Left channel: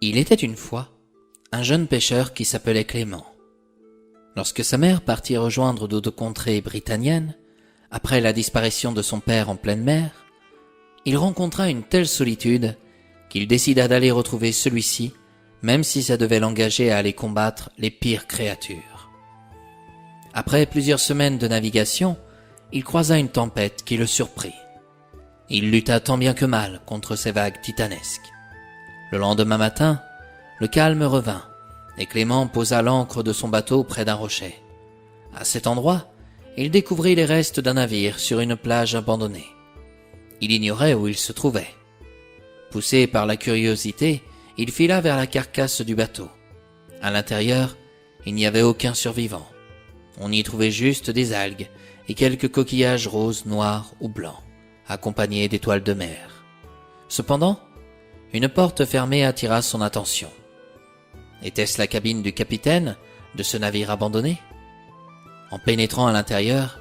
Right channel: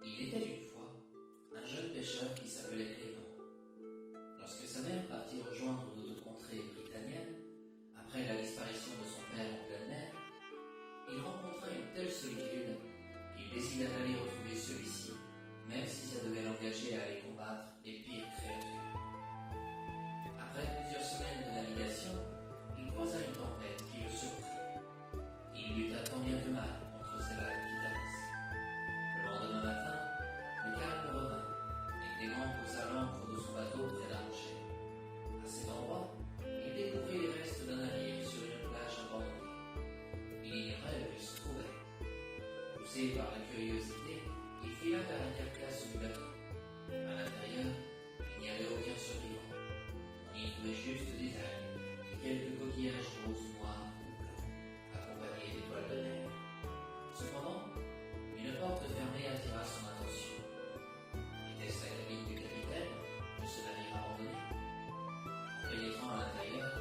Il était une fois un jeune pêcheur qui s'appelait Clément. Lorsque sa mère partit rejoindre d'autres contrées britanniennes, après la disparition de son père en pleine mer, il rencontra une telle solitude qu'il décida d'aller retrouver celui-ci, même si ça devait l'engager à aller combattre les pires créatures. Après plusieurs semaines de navigation, il croisa une tempête qui le surprit. Il lutta tant bien que mal contre ces vagues titanesques. Le lendemain matin, le calme revint et Clément posa l'ancre de son bateau près d'un rocher. À cet endroit, il découvrit les restes d'un navire sur une plage abandonnée. Il ignorait où il se trouvait. Poussé par la curiosité, il fila vers la carcasse du bateau. À l'intérieur, il n'y avait aucun survivant. On y trouvait juste des algues et quelques coquillages roses, noirs ou blancs, accompagnés d'étoiles de mer. Cependant, une porte fermée attira son attention. Était-ce la cabine du capitaine de ce navire abandonné? En pénétrant à l'intérieur,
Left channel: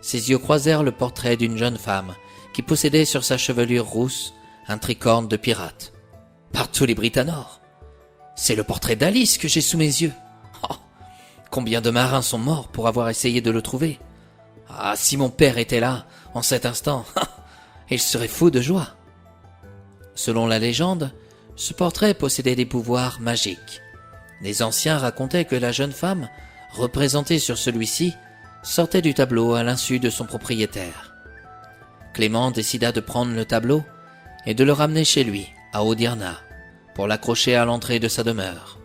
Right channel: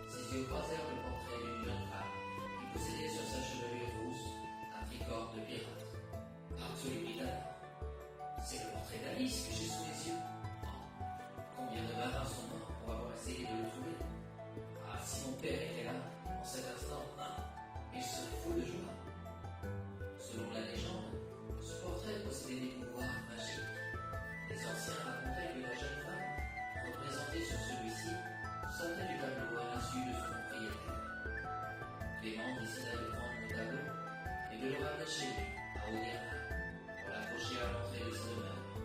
ses yeux croisèrent le portrait d'une jeune femme qui possédait sur sa chevelure rousse un tricorne de pirate. Par tous les Britanores, c'est le portrait d'Alice que j'ai sous mes yeux. Oh, combien de marins sont morts pour avoir essayé de le trouver. Ah, si mon père était là, en cet instant, il serait fou de joie. Selon la légende, ce portrait possédait des pouvoirs magiques. Les anciens racontaient que la jeune femme, représentée sur celui-ci, sortait du tableau à l'insu de son propriétaire. Clément décida de prendre le tableau et de le ramener chez lui, à Odirna, pour l'accrocher à l'entrée de sa demeure.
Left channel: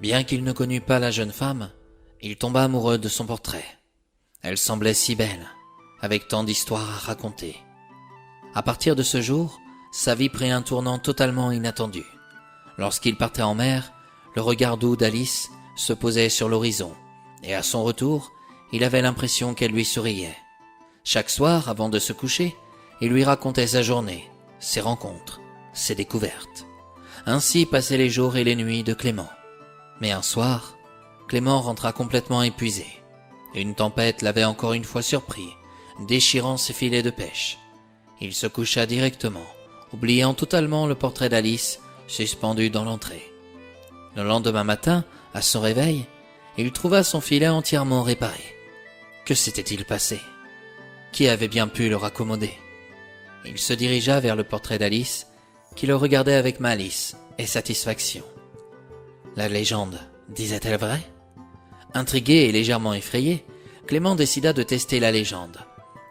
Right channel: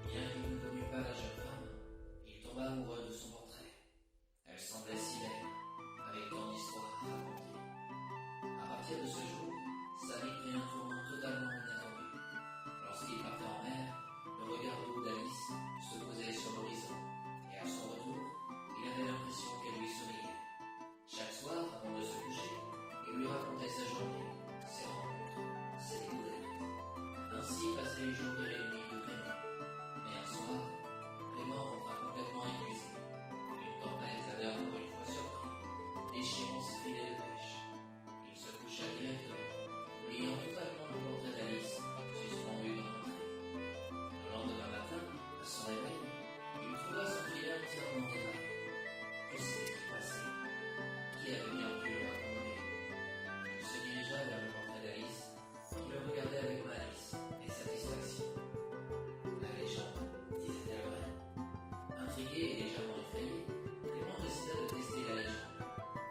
Bien qu'il ne connût pas la jeune femme, il tomba amoureux de son portrait. Elle semblait si belle, avec tant d'histoires à raconter. À partir de ce jour, sa vie prit un tournant totalement inattendu. Lorsqu'il partait en mer, le regard doux d'Alice se posait sur l'horizon, et à son retour, il avait l'impression qu'elle lui souriait. Chaque soir, avant de se coucher, il lui racontait sa journée, ses rencontres, ses découvertes. Ainsi passaient les jours et les nuits de Clément. Mais un soir, Clément rentra complètement épuisé. Une tempête l'avait encore une fois surpris, déchirant ses filets de pêche. Il se coucha directement, oubliant totalement le portrait d'Alice suspendu dans l'entrée. Le lendemain matin, à son réveil, il trouva son filet entièrement réparé. Que s'était-il passé? Qui avait bien pu le raccommoder? Il se dirigea vers le portrait d'Alice, qui le regardait avec malice et satisfaction. La légende disait-elle vrai? Intrigué et légèrement effrayé, Clément décida de tester la légende.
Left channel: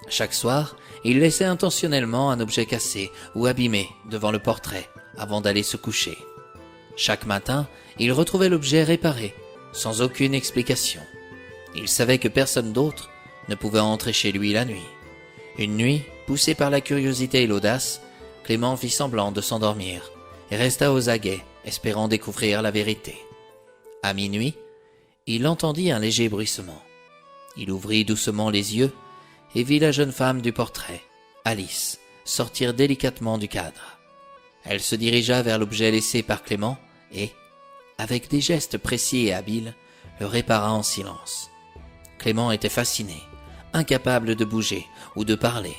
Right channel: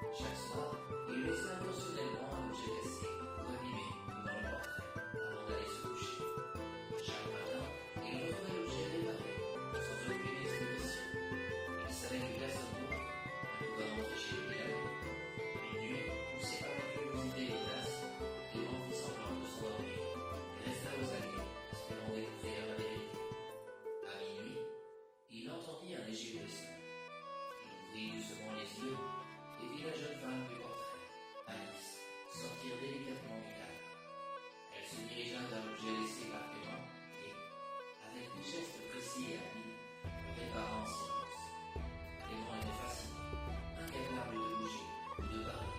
Chaque soir, il laissait intentionnellement un objet cassé ou abîmé devant le portrait avant d'aller se coucher. Chaque matin, il retrouvait l'objet réparé, sans aucune explication. Il savait que personne d'autre ne pouvait entrer chez lui la nuit. Une nuit, poussé par la curiosité et l'audace, Clément fit semblant de s'endormir et resta aux aguets, espérant découvrir la vérité. À minuit, il entendit un léger bruissement. Il ouvrit doucement les yeux et vit la jeune femme du portrait, Alice, sortir délicatement du cadre. Elle se dirigea vers l'objet laissé par Clément et, avec des gestes précis et habiles, le répara en silence. Clément était fasciné, incapable de bouger ou de parler.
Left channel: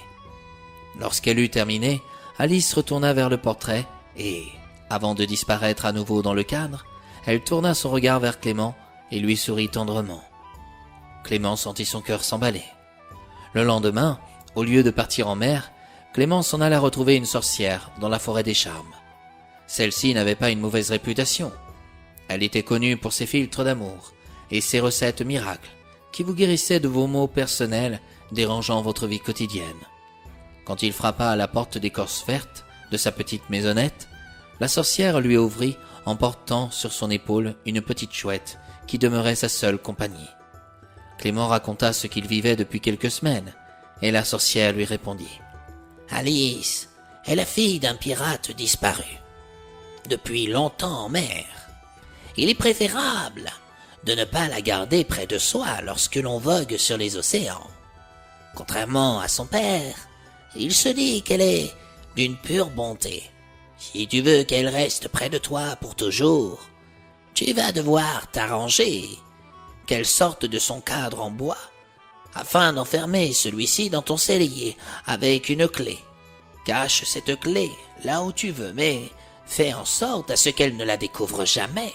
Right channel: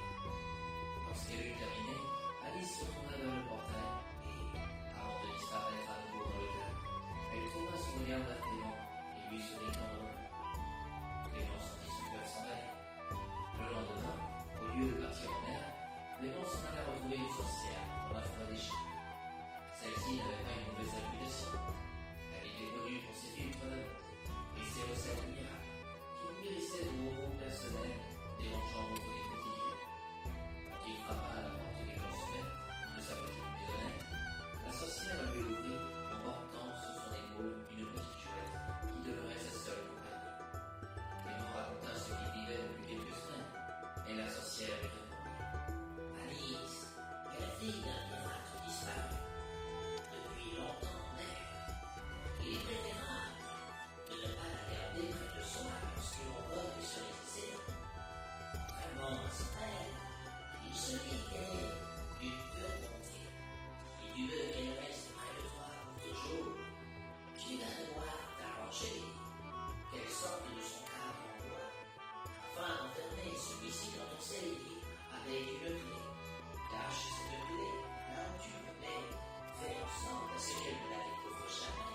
Lorsqu'elle eut terminé, Alice retourna vers le portrait et, avant de disparaître à nouveau dans le cadre, elle tourna son regard vers Clément et lui sourit tendrement. Clément sentit son cœur s'emballer. Le lendemain, au lieu de partir en mer, Clément s'en alla retrouver une sorcière dans la forêt des Charmes. Celle-ci n'avait pas une mauvaise réputation. Elle était connue pour ses philtres d'amour et ses recettes miracles qui vous guérissaient de vos maux personnels dérangeant votre vie quotidienne. Quand il frappa à la porte d'écorce verte de sa petite maisonnette, la sorcière lui ouvrit en portant sur son épaule une petite chouette qui demeurait sa seule compagnie. Clément raconta ce qu'il vivait depuis quelques semaines, et la sorcière lui répondit. « Alice est la fille d'un pirate disparu, depuis longtemps en mer. Il est préférable de ne pas la garder près de soi lorsque l'on vogue sur les océans. Contrairement à son père, il se dit qu'elle est d'une pure bonté. Si tu veux qu'elle reste près de toi pour toujours, tu vas devoir t'arranger qu'elle sorte de son cadre en bois, afin d'enfermer celui-ci dans ton cellier avec une clé. Cache cette clé là où tu veux, mais fais en sorte à ce qu'elle ne la découvre jamais.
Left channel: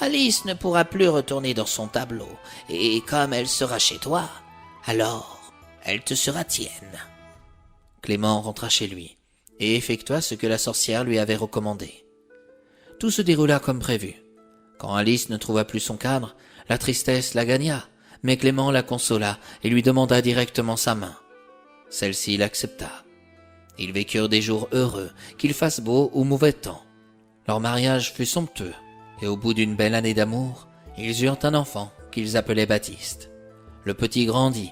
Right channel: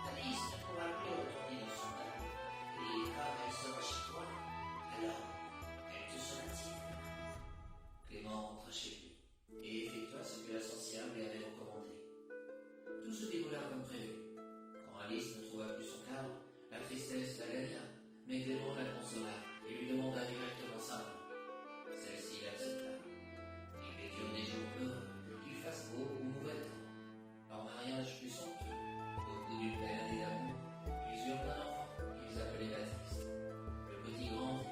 Alice ne pourra plus retourner dans son tableau, et comme elle sera chez toi, alors elle te sera tienne. » Clément rentra chez lui et effectua ce que la sorcière lui avait recommandé. Tout se déroula comme prévu. Quand Alice ne trouva plus son cadre, la tristesse la gagna, mais Clément la consola et lui demanda directement sa main. Celle-ci l'accepta. Ils vécurent des jours heureux, qu'il fasse beau ou mauvais temps. Leur mariage fut somptueux, et au bout d'une belle année d'amour, ils eurent un enfant qu'ils appelaient Baptiste. Le petit grandit,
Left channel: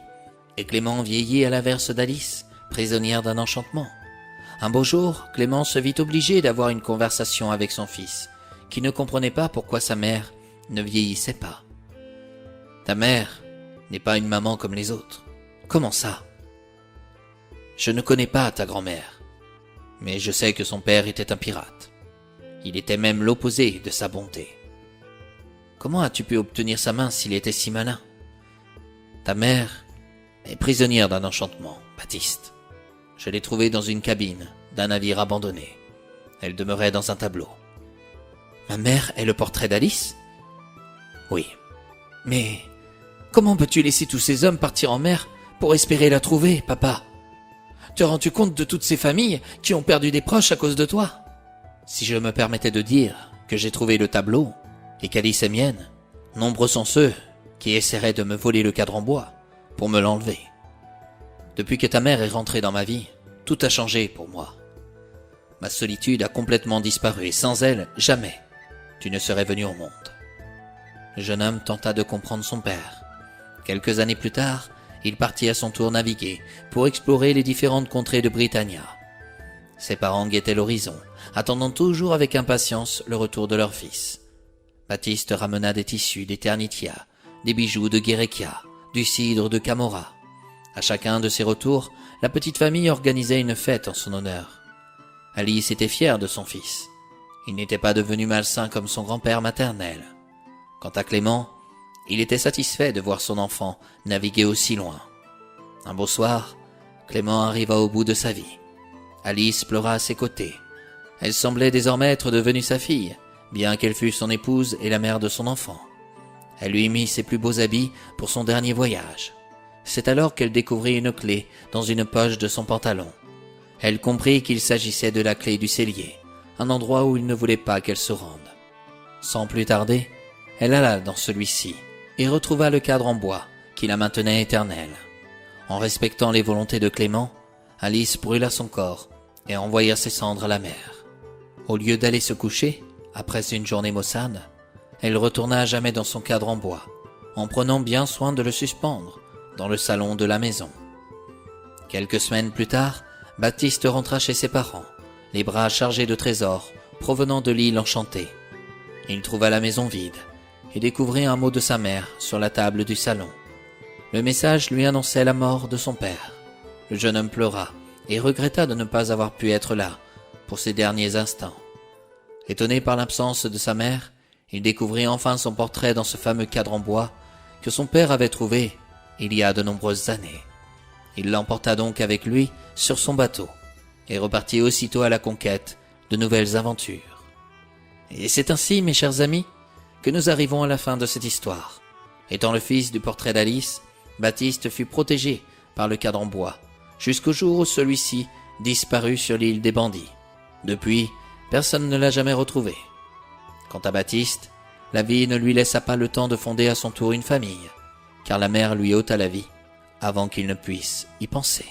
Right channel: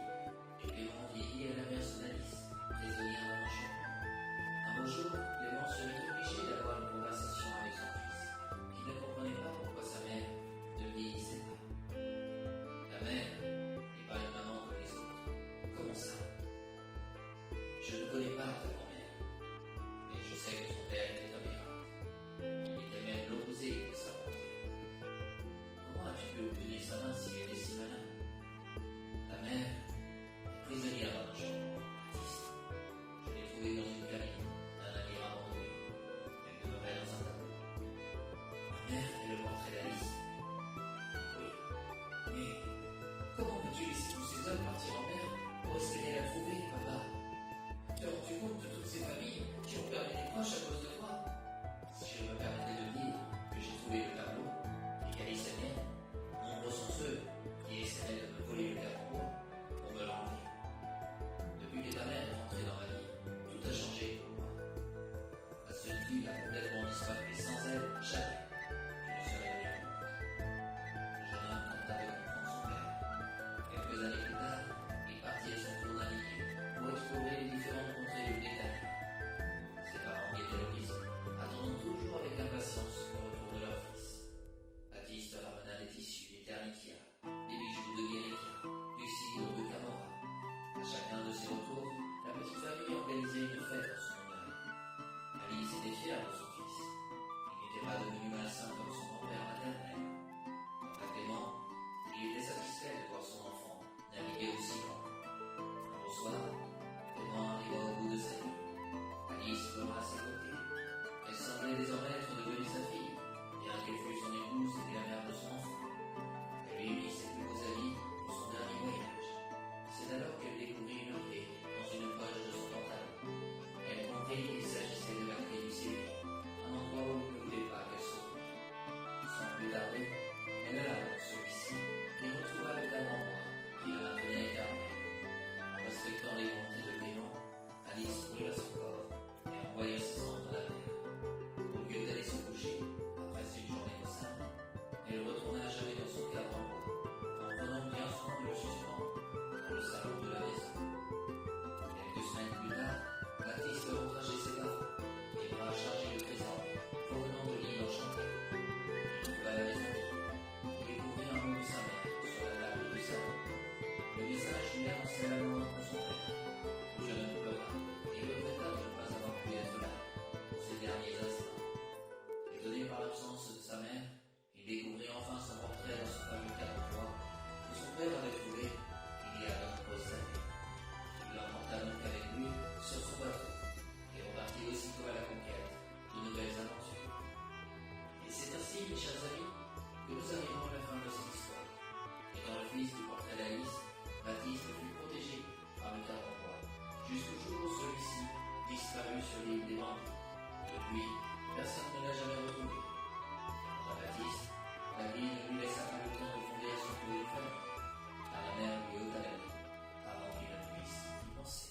et Clément vieillit à l'inverse d'Alice, prisonnière d'un enchantement. Un beau jour, Clément se vit obligé d'avoir une conversation avec son fils, qui ne comprenait pas pourquoi sa mère ne vieillissait pas. « Ta mère n'est pas une maman comme les autres. Comment ça ? Je ne connais pas ta grand-mère, mais je sais que son père était un pirate. Il était même l'opposé de sa bonté. Comment as-tu pu obtenir sa main s'il était si malin ? Ta mère est prisonnière d'un enchantement, Baptiste. Je l'ai trouvée dans une cabine d'un navire abandonné. Elle demeurait dans un tableau. Ma mère est le portrait d'Alice ? Oui. Mais comment peux-tu laisser tous ces hommes partir en mer pour espérer la trouver, papa ? Te rends-tu compte de toutes ces familles qui ont perdu des proches à cause de toi ? Si je me permettais de dire que j'ai trouvé le tableau et qu'Alice est mienne, nombreux sont ceux qui essaieraient de me voler le cadre en bois pour me l'enlever. Depuis que ta mère est rentrée dans ma vie, tout a changé pour moi. Ma solitude a complètement disparu et sans elle, jamais tu ne serais venu au monde. » Le jeune homme tenta de comprendre son père. Quelques années plus tard, il partit à son tour naviguer pour explorer les différentes contrées de Britannia. Ses parents guettaient l'horizon, attendant toujours avec impatience le retour de leur fils. Baptiste ramena des tissus d'Eternitia, des bijoux de Guérékia, du cidre de Camorra. À chacun de ses retours, la petite famille organisait une fête en son honneur. Alice était fière de son fils. Il n'était pas devenu malsain comme son grand-père maternel. Quant à Clément, il était satisfait de voir son enfant naviguer aussi loin. Un beau soir, Clément arriva au bout de sa vie. Alice pleura à ses côtés. Elle semblait désormais être devenue sa fille, bien qu'elle fût son épouse et la mère de son enfant. Elle lui mit ses plus beaux habits pour son dernier voyage. C'est alors qu'elle découvrit une clé dans une poche de son pantalon. Elle comprit qu'il s'agissait de la clé du cellier, un endroit où il ne voulait pas qu'elle se rende. Sans plus tarder, elle alla dans celui-ci et retrouva le cadre en bois qui la maintenait éternelle. En respectant les volontés de Clément, Alice brûla son corps et envoya ses cendres à la mer. Au lieu d'aller se coucher, après une journée maussade, elle retourna à jamais dans son cadre en bois, en prenant bien soin de le suspendre dans le salon de la maison. Quelques semaines plus tard, Baptiste rentra chez ses parents, les bras chargés de trésors provenant de l'île enchantée. Il trouva la maison vide et découvrit un mot de sa mère sur la table du salon. Le message lui annonçait la mort de son père. Le jeune homme pleura et regretta de ne pas avoir pu être là pour ses derniers instants. Étonné par l'absence de sa mère, il découvrit enfin son portrait dans ce fameux cadre en bois que son père avait trouvé il y a de nombreuses années. Il l'emporta donc avec lui sur son bateau et repartit aussitôt à la conquête de nouvelles aventures. Et c'est ainsi, mes chers amis, que nous arrivons à la fin de cette histoire. Étant le fils du portrait d'Alice, Baptiste fut protégé par le cadre en bois, jusqu'au jour où celui-ci disparut sur l'île des bandits. Depuis, personne ne l'a jamais retrouvé. Quant à Baptiste, la vie ne lui laissa pas le temps de fonder à son tour une famille, car la mère lui ôta la vie avant qu'il ne puisse y penser.